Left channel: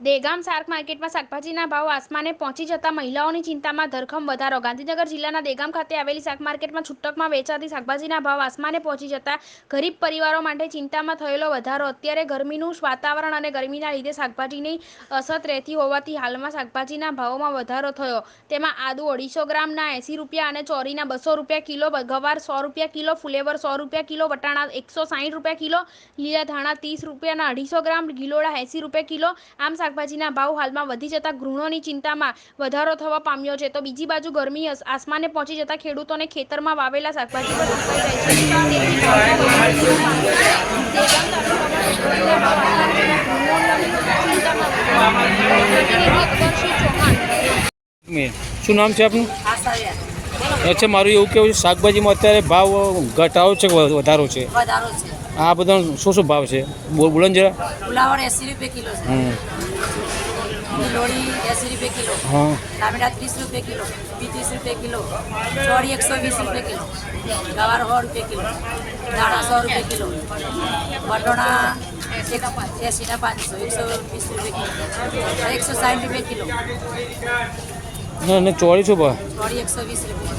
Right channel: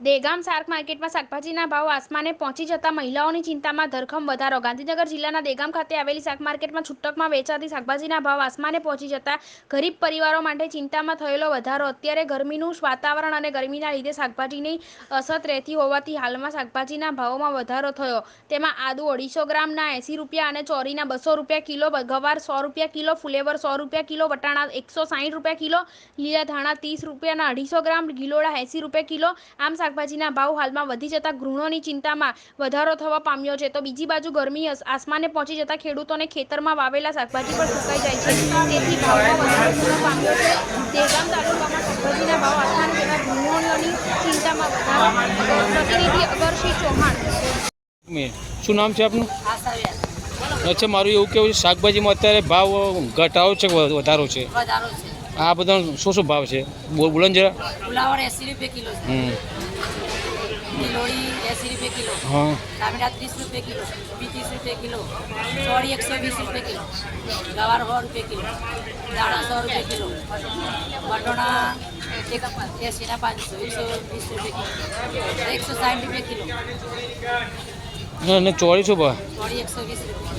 દેગામ શાક માર્કેટમાં શાકભાજીના ભાવ આસમાને પહોંચી જતા મહિલાઓની ચિંતામાં ધરખમ વધારો. ગાંધીનગર જિલ્લાના દેગામ ખાતે આવેલી શાક માર્કેટમાં છૂટકમાં વેચાતી શાકભાજીના ભાવ આસમાને પહોંચી જતા ગરીબ પરિવારો માટે ચિંતામાં થયેલો વધારો. અત્યારે ગરમીનું વાતાવરણ અને ગરમીના લીધે શાકભાજીની અછત રહેતી હોવાથી હાલમાં શાકભાજીના ભાવોમાં વધારો થયો. તેમાં આદુ 250 ગ્રામના 80 રૂપિયા અને ચોરીના 200 રૂપિયા કિલો, ગવાર 100 રૂપિયા કિલો, ફુલેવર 100 રૂપિયા કિલો, વટાણા 160 રૂપિયા કિલો, લીલા ધાણા 30 રૂપિયાના 250 ગ્રામ, ગિલોડા 80 રૂપિયા કિલો. આમ શાકભાજીના ભાવ હાલમાં વધી જતા ગૃહિણીઓની ચિંતામાં વધારો થવા પામ્યો છે. તો બીજી બાજુ ગરમી આસમાને પહોંચી જતા ખેડૂતોને ખેતરમાં વાવેલા શાકભાજી પર સુકાઈ જાય છે. તેથી ભાવમાં વધારો થવા પામ્યો છે. દેગામ તાલુકામાં શાકભાજીના ભાવ આસમાને જતા ગૃહિણીઓની ચિંતામાં વધારો. પ્રતિનિધિ અગરસિંહ ચૌહાણ. શું નામ છે આપનું? અચ્છા, મારું એવું કેવું છે શાકભાજીમાં અત્યારે ભાવ ઘટાડો છે વધારો છે? આ બધા શું ભાવ છે બોલો જરા. ફુલાવર 80 રૂપિયા કિલો છે, લોડી 80 રૂપિયા કિલો, હા, ટામેટા 30 રૂપિયા કિલો, 30 રૂપિયા કિલો, ચોળી 120 રૂપિયા કિલો, ગવાર 100 રૂપિયા કિલો, દાણા 100 રૂપિયા કિલો, વટોણા 80 ના 500, 120 રૂપિયા કિલો, 160 રૂપિયા કિલો. ના ચોળી શું ભાવ? ચોળી 120 રૂપિયા.